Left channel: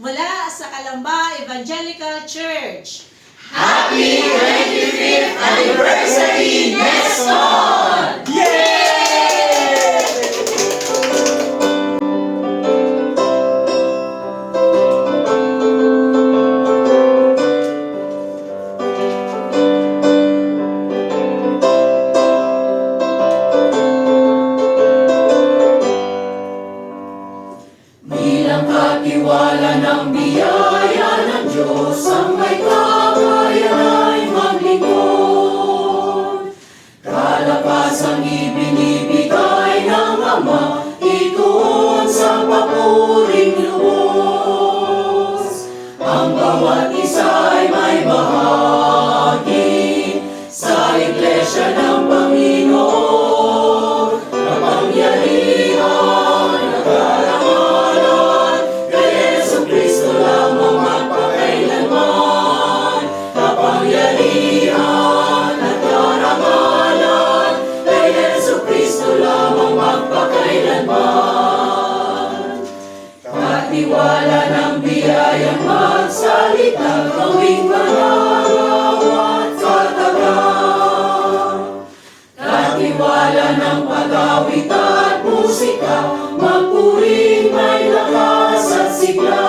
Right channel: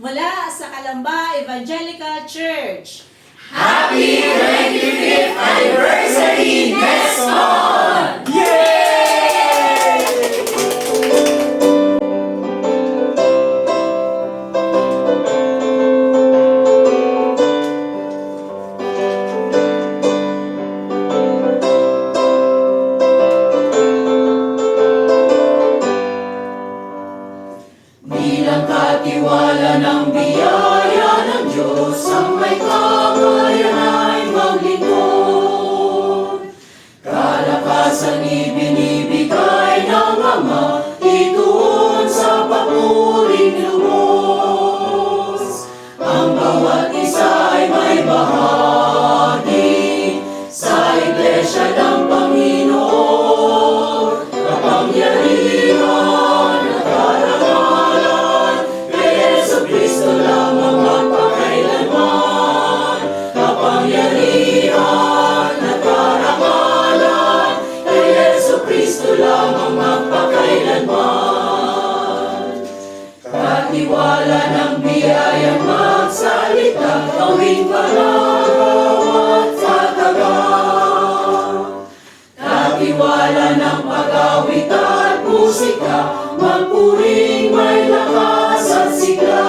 mula sa Calamba Evangelical Church. Happy 25th anniversary next month! Yay! Bilang katiwala ng biyaya ng Diyos, ang may kakayan ay maglingkod. Kalakasang ibinibigay ng Ama, ituon sa papuring lubos. Ang bawat isa ay may bahagi sa Iglesia ng Panginoon. Kapangyarihan at karangalan kay Jesucristo lamang magpakailanman. Kapangyarihan at karangalan kay Jesucristo lamang magpakailanman. Katiwala ng biyayang magsalita, gawing kararawan sa taga. Katiwala ng pag-awit at musika, magpuring may lakas at sigla.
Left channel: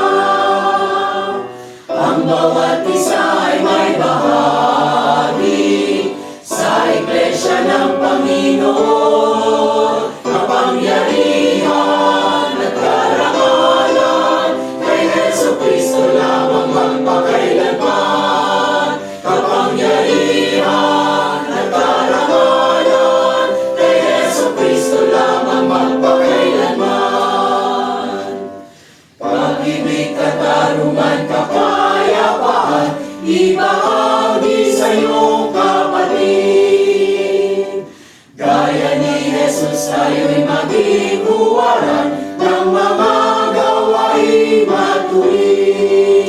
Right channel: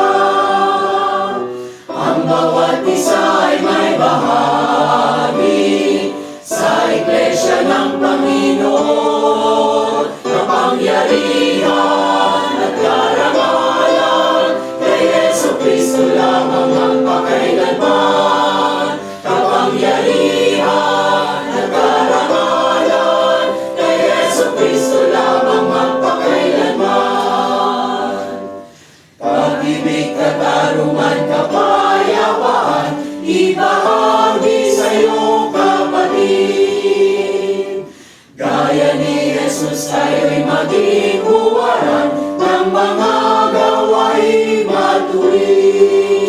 Ang bawat isa ay may bahagi sa Iglesia ng Panginoon. Kapangyarihan at karangalan kay Jesucristo lamang magpakailanman. Kapangyarihan at karangalan kay Jesucristo lamang magpakailanman. Pag-ibig, katarungan, kapayapaan, ibahagi sa iyong kapatid. Gaya ni Jesus tayo'y maging huwaran ng mga gawain matuwid.